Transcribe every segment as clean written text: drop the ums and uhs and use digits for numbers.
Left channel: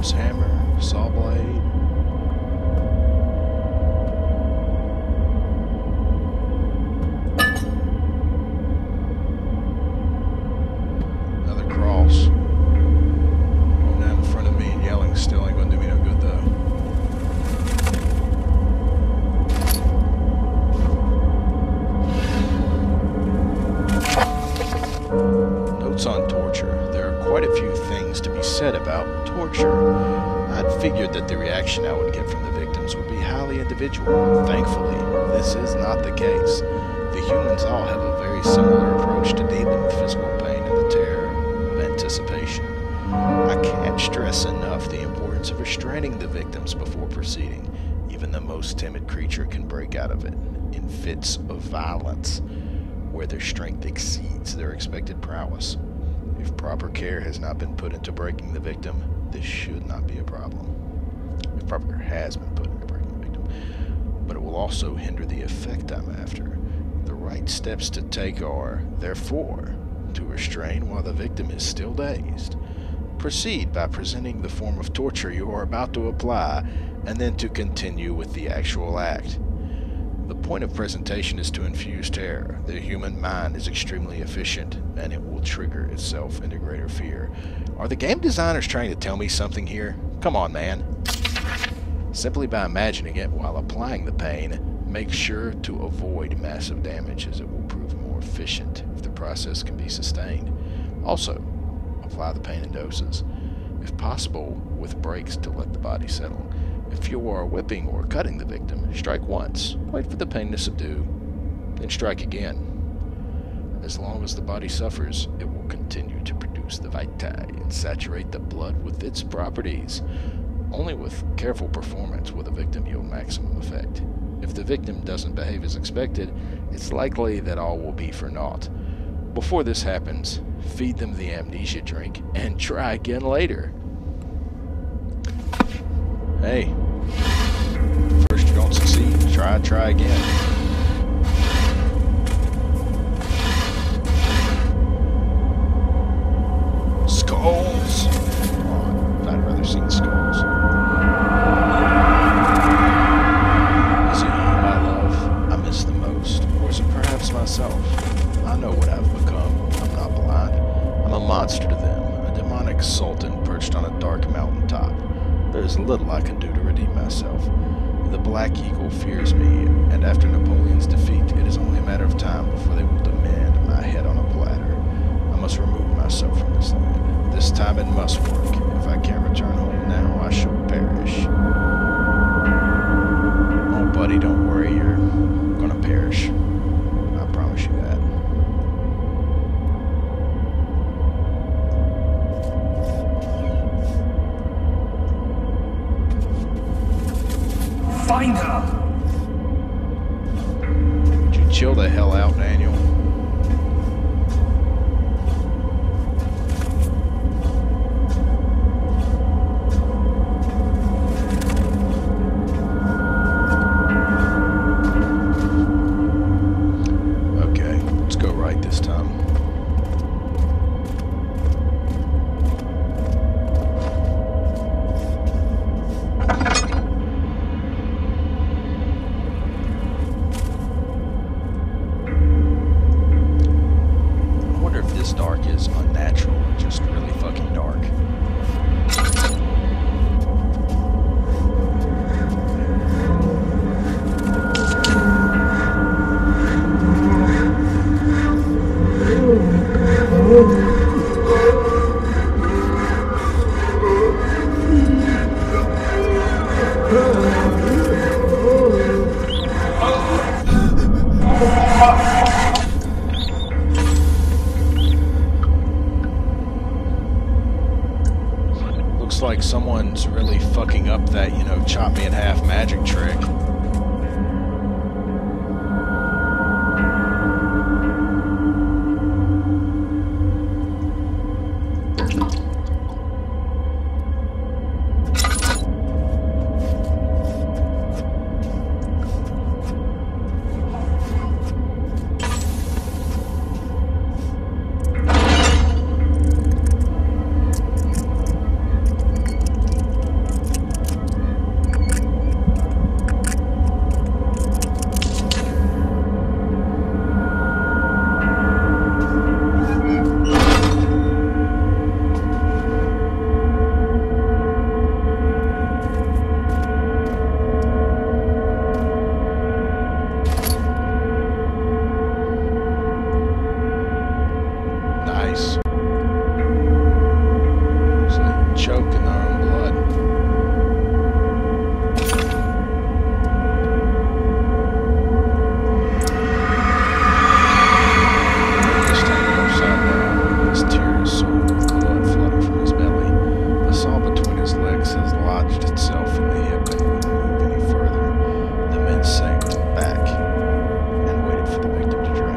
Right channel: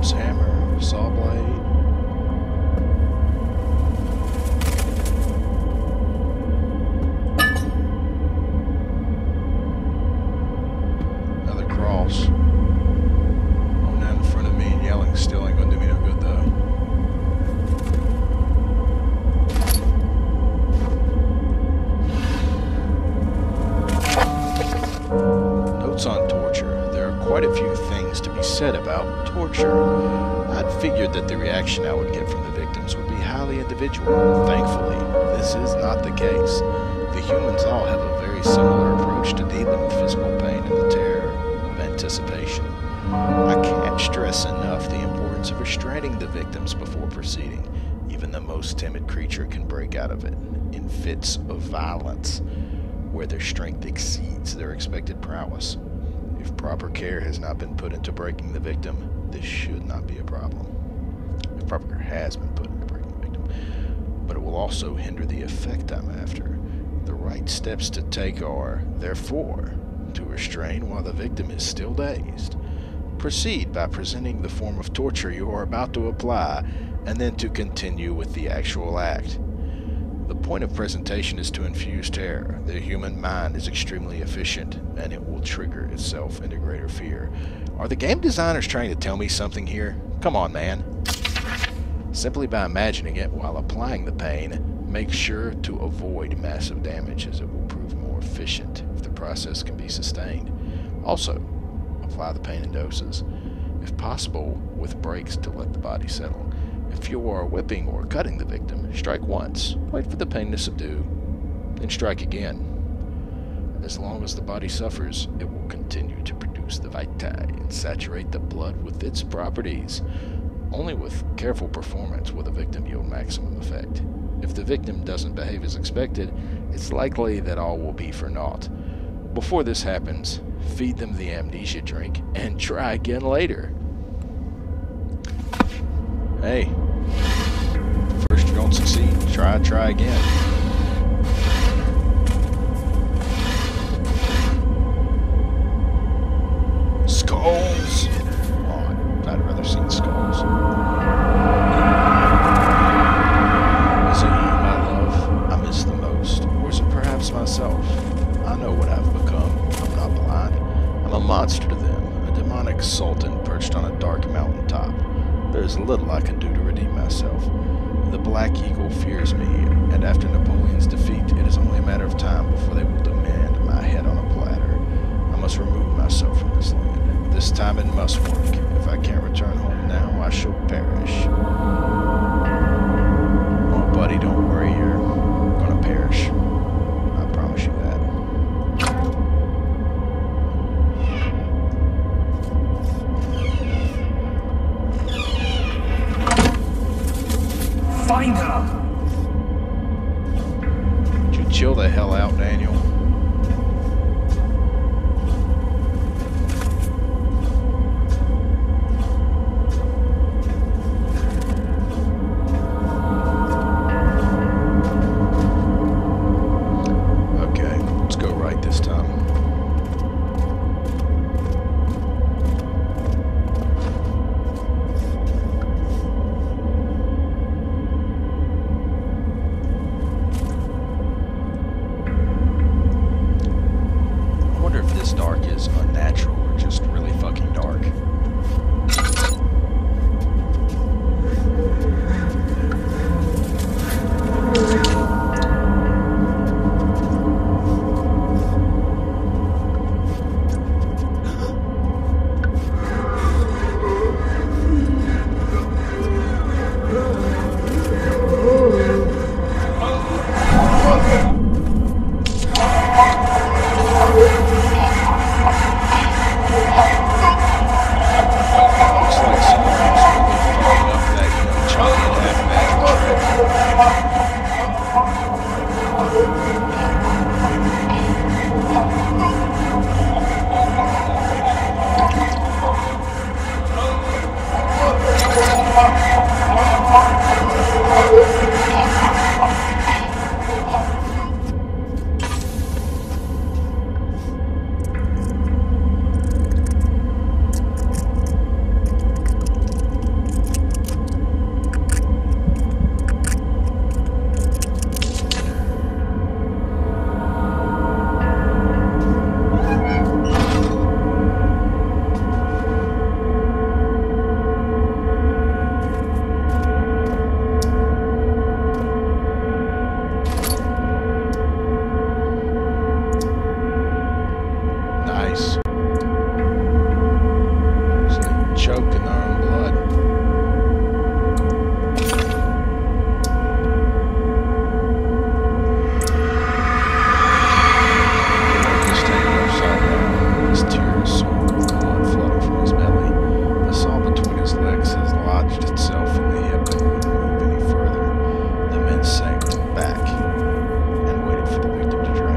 swords, hammer, saw blade. Another cross. Going down in front of me and yelling still ain't gonna do me no good though. Notes on torture. There are quite a few things to be said about torture. I'd figured that the reaction I would get from the victims would be highly individual. Thankfully, this is not the case. The humans all have a very similar approach to dealing with physical pain and the terror of anticipation. I can't stress enough the importance of restraining the victims before proceeding. Even the most timid creature can break out of it in fits of violence, where their strength exceeds their expected prowess. If proper care has not been put into breaking the victim, this should not be a problem. If proper care has been put into breaking the victim, but it will also hinder the effect I'm after. The right steps to take are, therefore, to restrain while the victim is still dazed. Proceed by presenting the form of torture you are about to apply, and then to continue with the actual act. The point of presentation is to infuse terror. The human mind is extremely efficient, and it will trigger itself into greater fear. Are the game designers trying to tell me something here? Come on, man. Simply by imagining it while applying the pain, make sure to avoid massive damage, as it will prove more efficient if the process can be sustained. Also, apply the pain in doses, if possible with breaks to let the body settle. If you are whipping or cutting the victim, strike once, wait for the pain to subdue, then strike again. As long as the body suffers, it will continue to produce the vitae and saturate the blood with its properties. Only with careful performance will the victim yield maximum effect. If the victim doesn't behave as expected, it's likely that all will be for naught. Before this happens, feed them the amnesia drink and try again later. Hey, first you don't succeed, try again. Skulls! Oh, I'd rather seen skulls. Is it you, my love, I miss the most? Or is it perhaps myself? I know what I've become. I'm not blind. I'm a monster to them, a demonic sultan perched on a dark mountaintop. There's little I can do to redeem myself. The Black Eagle fears me, and after Napoleon's defeat, it is only a matter of time before they will demand my head on a platter. I must remove myself from this land. This time it must work. If I can't return home now, I shall perish. Oh, buddy, don't worry. You're gonna perish. I promise you that. Find her! Would you chill the hell out, Daniel? Okay, let's go right this time. This dark is unnatural or just really fucking dark. Like someone's really fucking up that, chop me in half magic trick. face. So they choke in their own blood. This tamed upside down. His tears soiled with blood flooding from his belly. The saw between his legs has lodged itself in the hip and wouldn't move any further. The men sank back and waited for the victim to drain.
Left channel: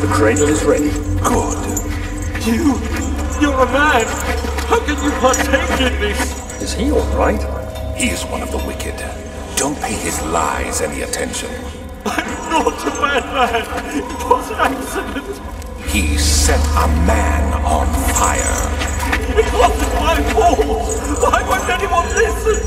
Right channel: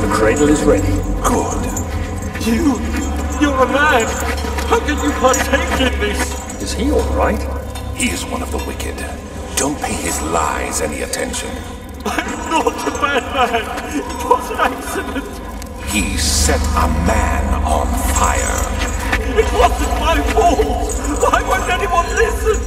The cradle is ready. Good. You're a man! How can you partake in this? Is he all right? He is one of the wicked. Don't pay his lies any attention. I'm not a bad man! It was an accident! He set a man on fire. It wasn't my fault! Why won't anyone listen?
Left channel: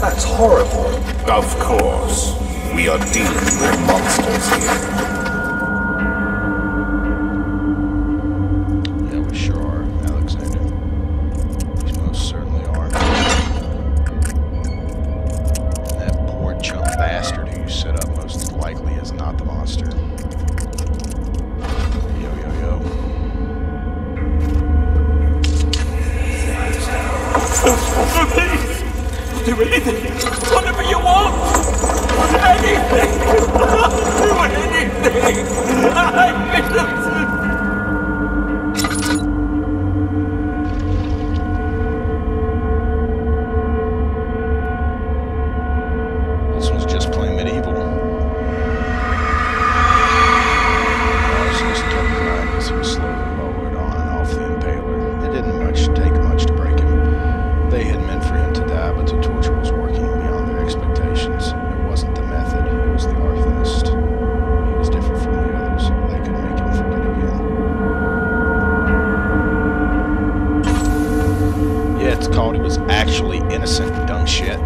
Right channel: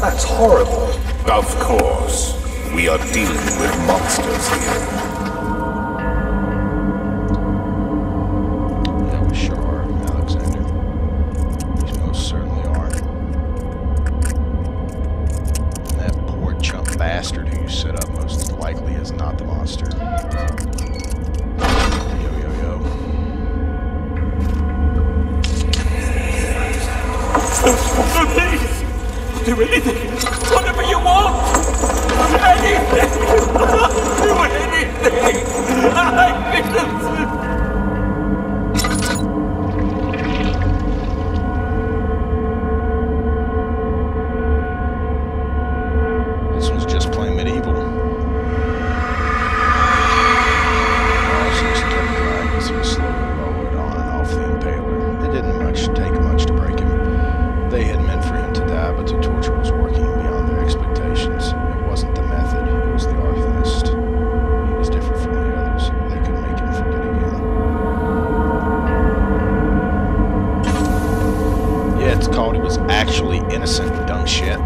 That's horrible. Of course. We are dealing with monsters here. Yeah, we sure are, Alexander. We most certainly are. And that poor chump bastard who you set up most likely is not the monster. Yo, yo, yo. No, please! I'll do anything! Whatever you want! Anything! I'll do anything! I'm innocent! called he was actually innocent, dumb shit.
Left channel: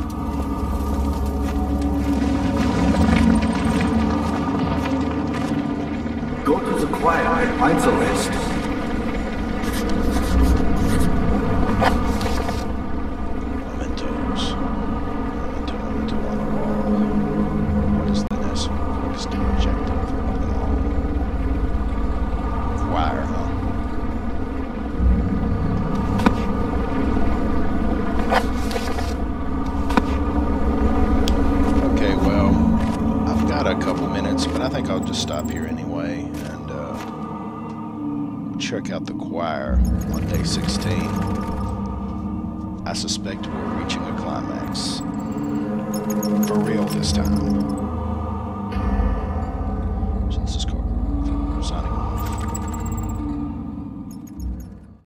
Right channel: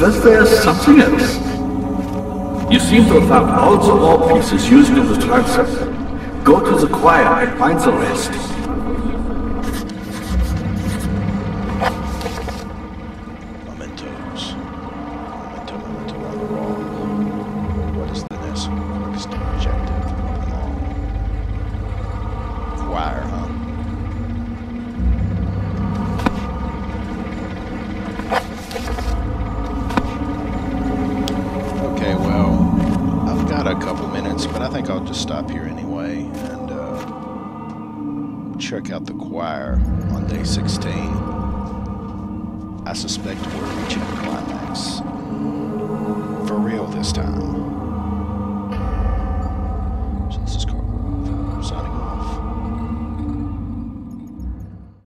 Was there something else? You seem to have found all the ore pieces used in the transept. Go to the choir and find the rest. Mementos. Memento on the wall. What is the next quickest objective of them all? Choir, huh? Okay, well, I've got a couple minutes, but I think I'll just stop here anyway and check out the choir on day 16. I suspect we're reaching a climax. For real this time.